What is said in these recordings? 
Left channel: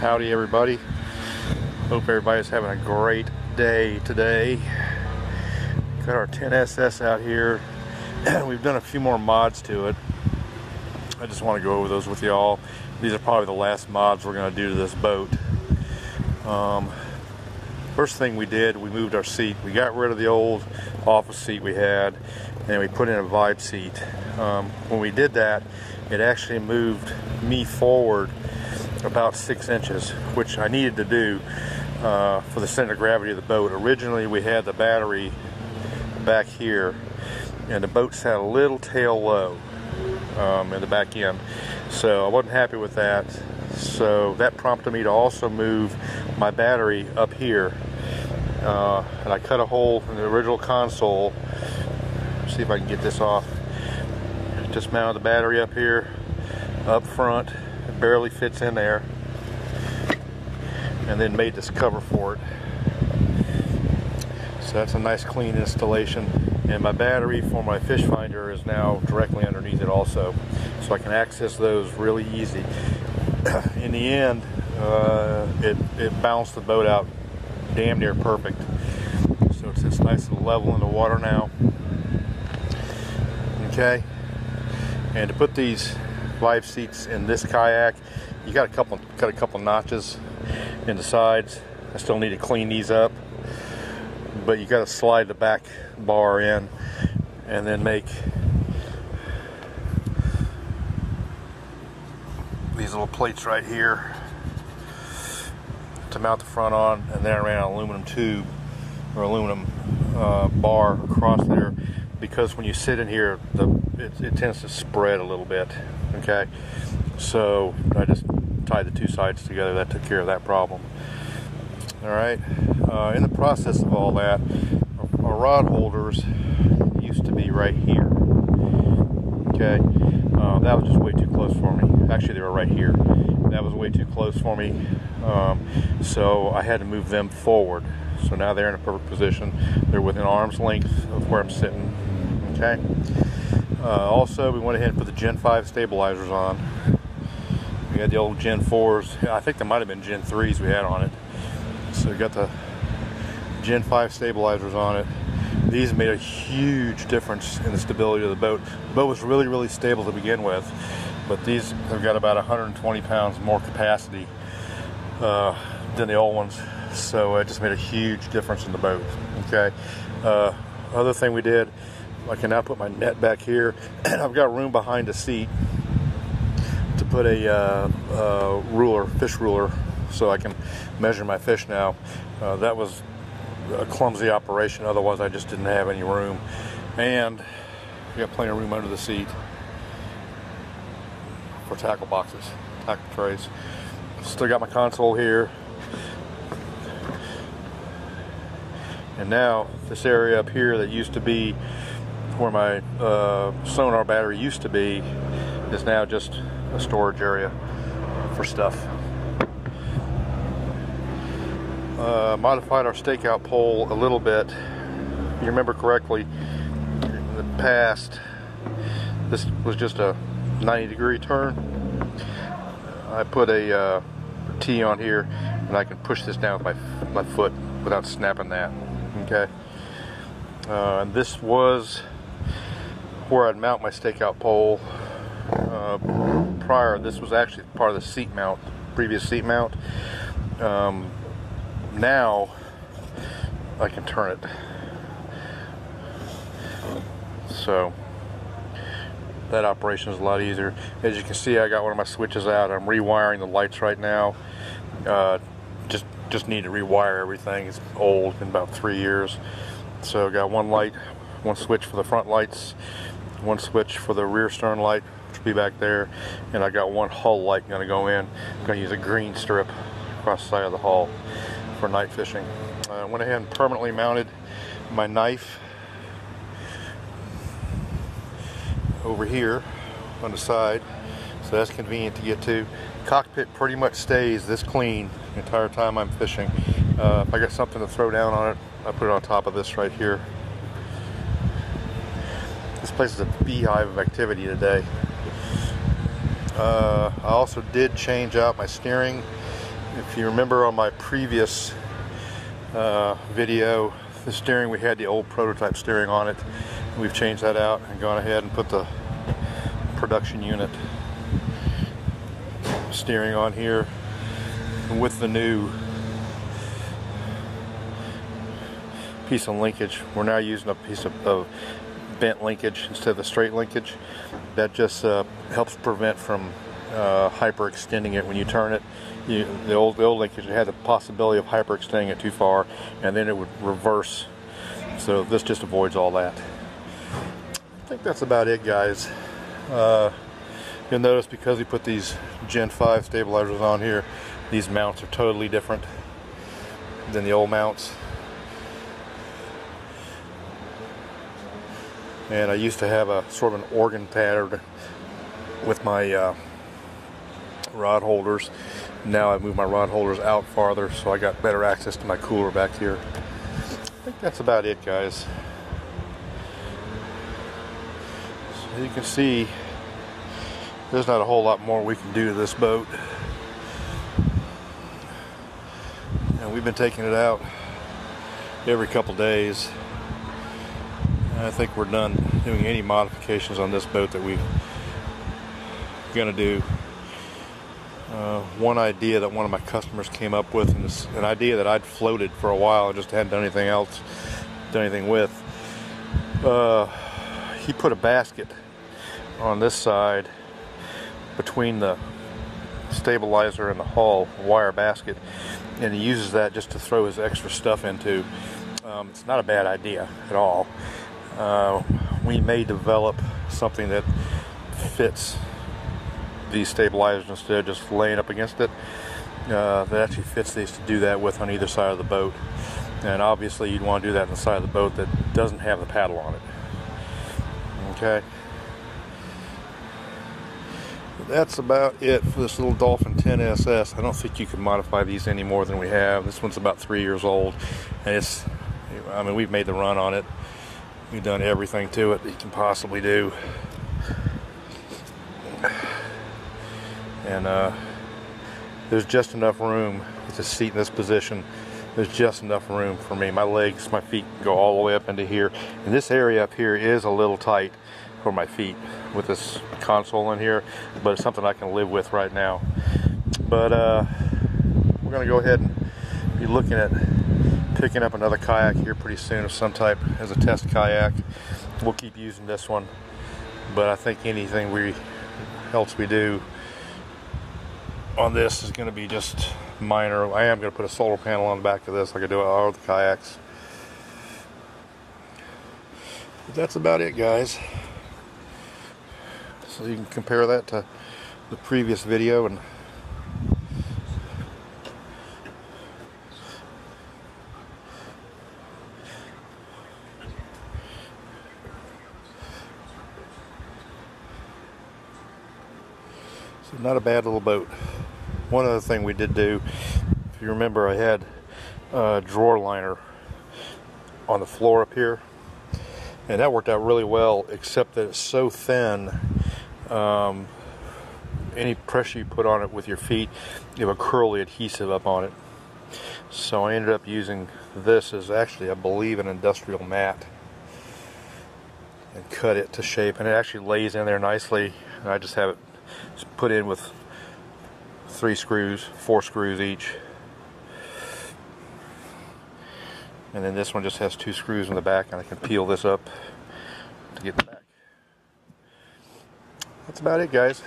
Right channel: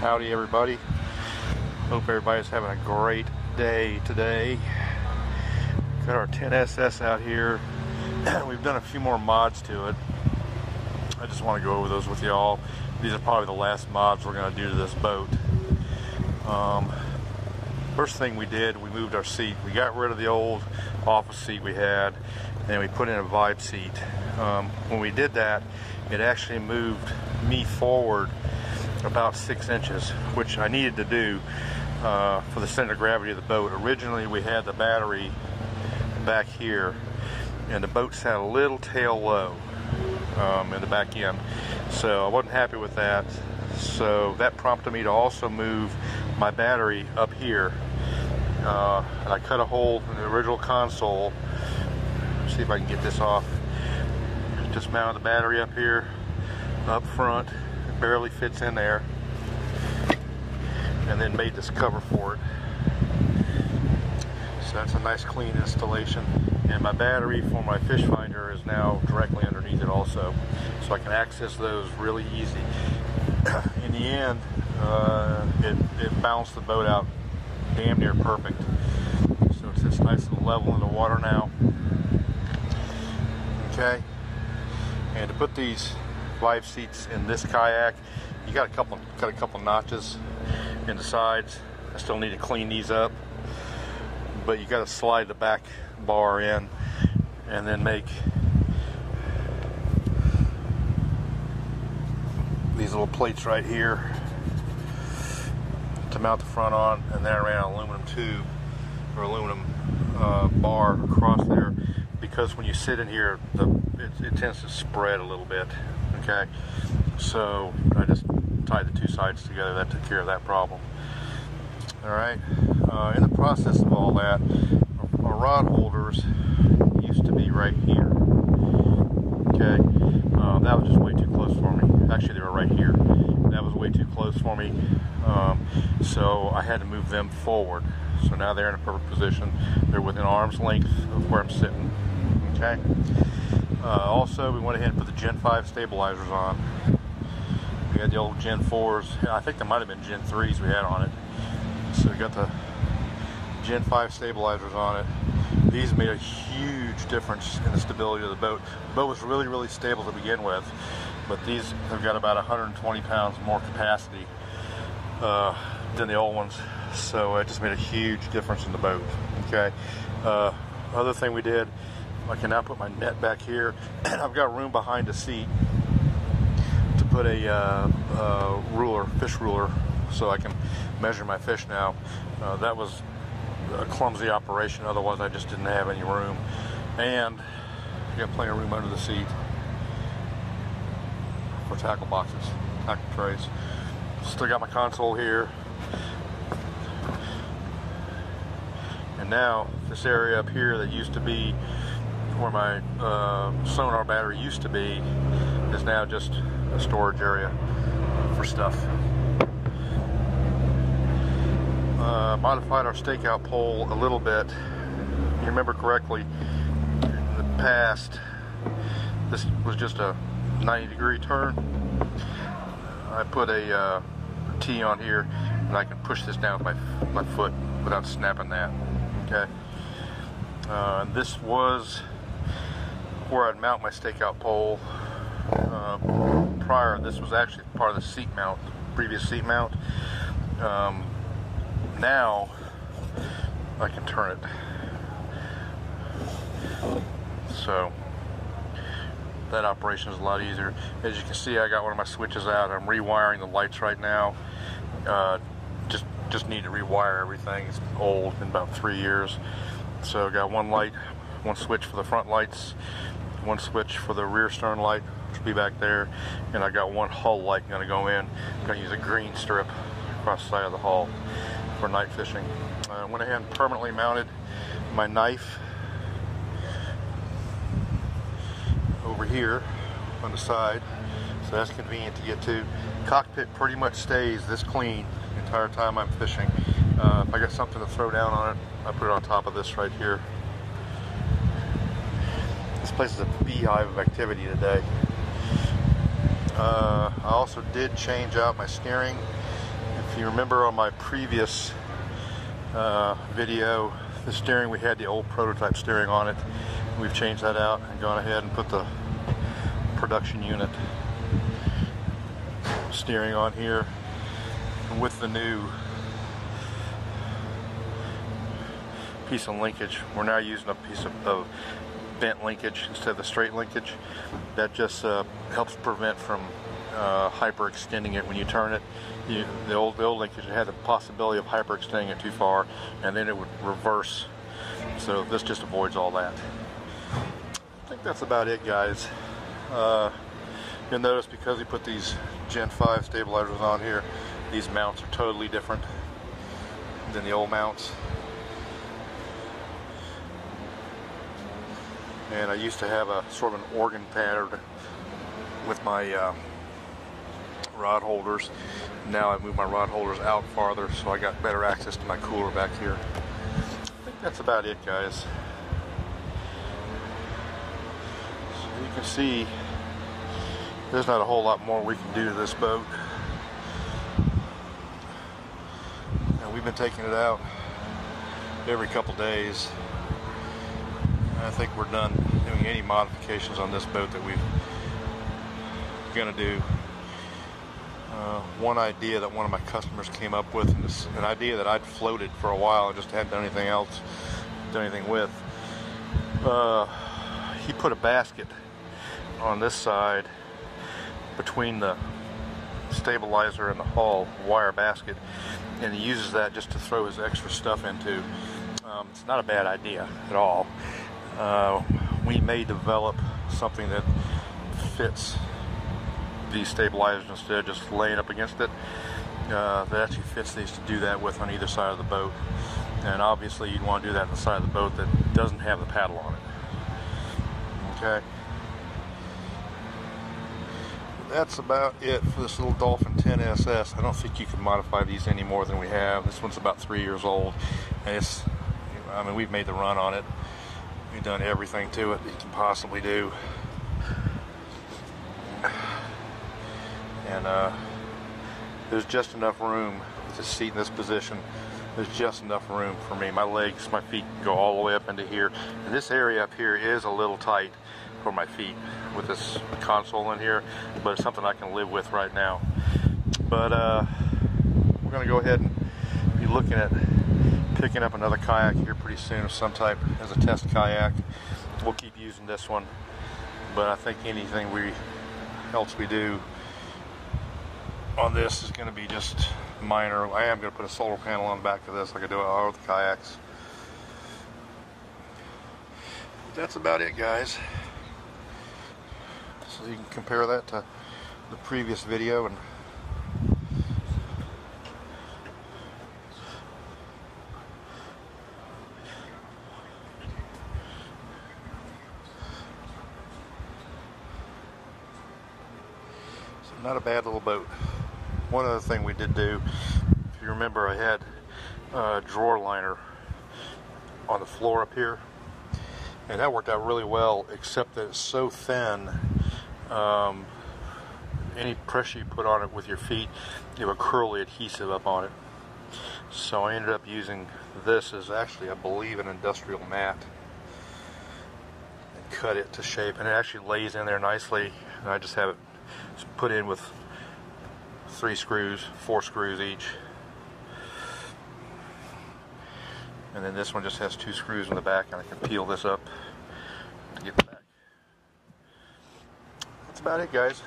Howdy everybody. Hope everybody's having a great day today. Got our 10SS out here. We've done a few more mods to it. I just want to go over those with y'all. These are probably the last mods we're going to do to this boat. First thing we did, we moved our seat. We got rid of the old office seat we had, and we put in a Vibe seat. When we did that, it actually moved me forward about 6 inches, which I needed to do for the center of gravity of the boat. Originally, we had the battery back here, and the boat sat a little tail low in the back end, so I wasn't happy with that. So that prompted me to also move my battery up here, and I cut a hole in the original console. See if I can get this off. Just mounted the battery up here, up front. It barely fits in there, and then made this cover for it. So that's a nice clean installation. And my battery for my fish finder is now directly underneath it also, so I can access those really easy. In the end, it balanced the boat out damn near perfect. So it sits nice and level in the water now. Okay. And to put these Vibe seats in this kayak, you got a couple notches in the sides. I still need to clean these up, but you got to slide the back bar in and then make these little plates right here to mount the front on, and then I ran an aluminum tube or aluminum bar across there, because when you sit in here, it tends to spread a little bit. Okay, so I just tied the two sides together. That took care of that problem. All right, in the process of all that, our rod holders used to be right here. Okay, that was just way too close for me. Actually, they were right here. That was way too close for me, so I had to move them forward. So now they're in a perfect position. They're within arm's length of where I'm sitting. Okay. Also, we went ahead and put the Gen 5 stabilizers on. We had the old Gen 4s. I think there might have been Gen 3s we had on it. So we got the Gen 5 stabilizers on it. These made a huge difference in the stability of the boat. The boat was really, really stable to begin with, but these have got about 120 pounds more capacity than the old ones. So it just made a huge difference in the boat. Okay. Other thing we did, I can now put my net back here, and I've got room behind the seat to put a fish ruler, so I can measure my fish now. That was a clumsy operation, otherwise I just didn't have any room. And I got plenty of room under the seat for tackle boxes, tackle trays. Still got my console here. And now this area up here that used to be where my sonar battery used to be is now just a storage area for stuff. Modified our stakeout pole a little bit. If you remember correctly, in the past, this was just a 90-degree turn. I put a T on here, and I can push this down with my foot without snapping that. Okay. And this was where I'd mount my stakeout pole. Prior, this was actually part of the seat mount, the previous seat mount. Now I can turn it. So that operation is a lot easier. As you can see, I got one of my switches out. I'm rewiring the lights right now. Just need to rewire everything. It's old, been about 3 years. So I got one light, one switch for the front lights, one switch for the rear stern light, which will be back there, and I got one hull light going to go in. I'm going to use a green strip across the side of the hull for night fishing. I went ahead and permanently mounted my knife over here on the side, so that's convenient to get to. Cockpit pretty much stays this clean the entire time I'm fishing. If I got something to throw down on it, I put it on top of this right here. This place is a beehive of activity today. I also did change out my steering If you remember on my previous video, the steering, we had the old prototype steering on it. We've changed that out and gone ahead and put the production unit steering on here. And with the new piece of linkage, we're now using a piece of bent linkage instead of the straight linkage. That just helps prevent from hyperextending it when you turn it. The old linkage had the possibility of hyperextending it too far, and then it would reverse. So this just avoids all that. I think that's about it, guys. You'll notice because we put these Gen 5 stabilizers on here, these mounts are totally different than the old mounts. And I used to have a sort of an organ pattern with my rod holders. Now I've moved my rod holders out farther, so I got better access to my cooler back here. I think that's about it, guys. So you can see there's not a whole lot more we can do to this boat. And we've been taking it out every couple days. I think we're done doing any modifications on this boat that we're going to do. One idea that one of my customers came up with, and it's an idea that I'd floated for a while and just hadn't done anything with. He put a basket on this side between the stabilizer and the hull, wire basket, and he uses that just to throw his extra stuff into. It's not a bad idea at all. We may develop something that fits these stabilizers instead of just laying up against it. That actually fits these to do that with on either side of the boat. And obviously you'd want to do that on the side of the boat that doesn't have the paddle on it. Okay. That's about it for this little Dolphin 10 SS. I don't think you can modify these any more than we have. This one's about 3 years old, and I mean, we've made the run on it. We've done everything to it that you can possibly do. And there's just enough room with the seat in this position. There's just enough room for me. My legs, my feet go all the way up into here. And this area up here is a little tight for my feet with this console in here, but it's something I can live with right now. But we're going to go ahead and be looking at picking up another kayak here pretty soon of some type as a test kayak. We'll keep using this one, but I think anything else we do on this is going to be just minor. I am going to put a solar panel on the back of this like I do on all the kayaks. But that's about it, guys. So you can compare that to the previous video, and so not a bad little boat. One other thing we did do, if you remember, I had a drawer liner on the floor up here, and that worked out really well, except that it's so thin. Any pressure you put on it with your feet, you have a curly adhesive up on it. So I ended up using this as actually, I believe, an industrial mat, and cut it to shape, and it actually lays in there nicely. And I just have it put in with 4 screws each. And then this one just has 2 screws in the back, and I can peel this up to get the back. That's about it, guys.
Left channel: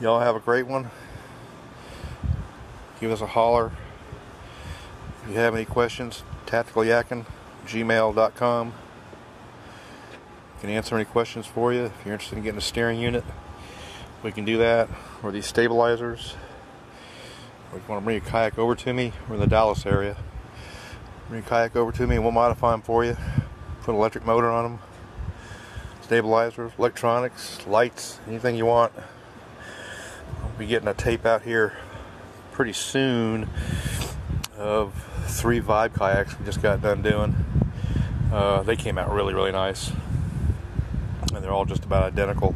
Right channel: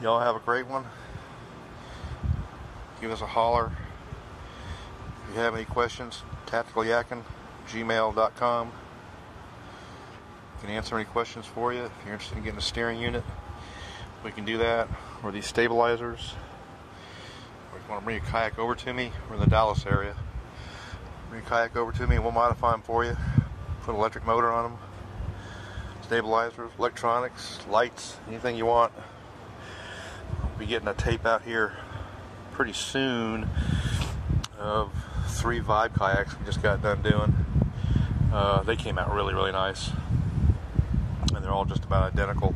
Y'all have a great one. Give us a holler. If you have any questions, tacticalyakking@gmail.com. Can answer any questions for you. If you're interested in getting a steering unit, we can do that. Or these stabilizers. Or if you want to bring your kayak over to me, we're in the Dallas area. Bring your kayak over to me and we'll modify them for you. Put an electric motor on them. Stabilizers, electronics, lights, anything you want. I'll be getting a tape out here pretty soon of 3 Vibe kayaks we just got done doing. They came out really, really nice. And they're all just about identical.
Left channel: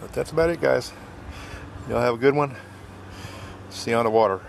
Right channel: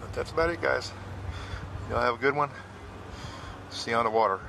But that's about it, guys. Y'all have a good one. See you underwater.